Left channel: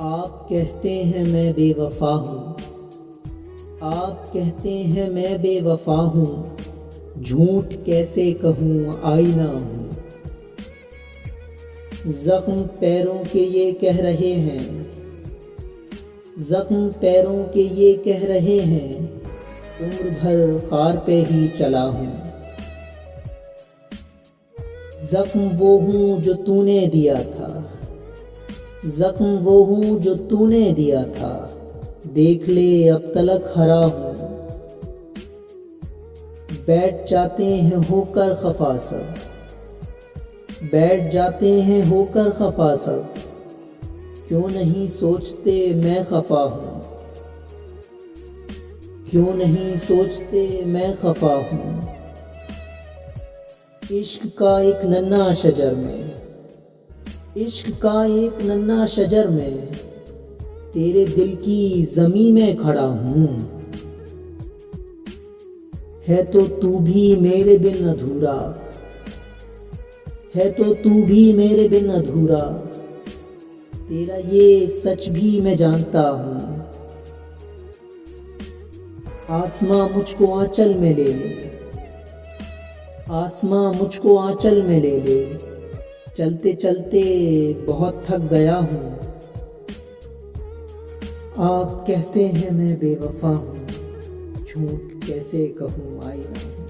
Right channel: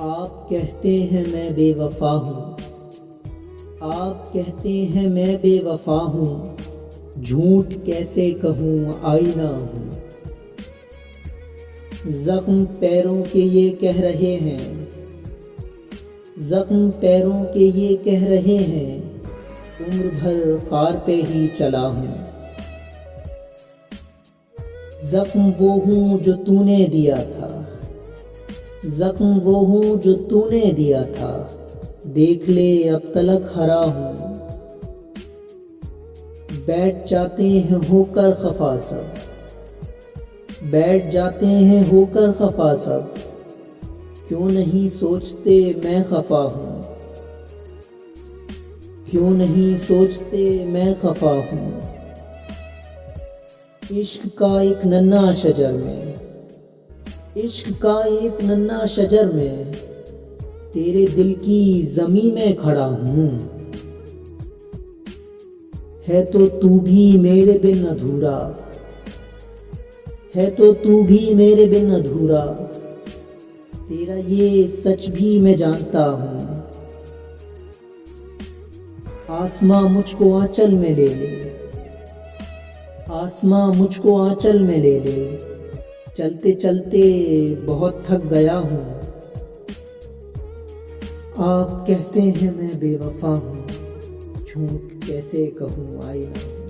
आप कहते हैं मैं बेवफा हूँ। आप कहते हैं मैं बेवफा हूँ। झूठ कैसे कहूँ आईना हूँ। जख्म पैरों के ये कह रहे हैं। जख्म पैरों के ये कह रहे हैं। उम्र भर खार पे ही चला हूँ। जख्म वो हूँ जो तूने दिया था। जख्म वो हूँ जो तूने दिया था। देख ले अब तलक हरा हूँ। बैठ जाते हैं होकर खफा सब। बैठ जाते हैं होकर खफा सब। क्यों नहीं सोचते मैं खफा हूँ। क्यों नहीं सोचते मैं खफा हूँ। इश्क का एक नन्हा शजर में। इश्क का एक नन्हा शजर में तेरे दिल की ज़मीं में खड़ा हूँ। है तो तू भी मेरे बिन अधूरा। है तो तू भी मेरे बिन अधूरा। तेरा ये सच भी मैं जानता हूँ। आसमां मुझको आंचल में ले ले। आसमां मुझको आंचल में ले ले। चलते चलते बहुत थक गया हूँ। आप कहते हैं मैं बेवफा हूँ। झूठ कैसे कहूँ आईना हूँ।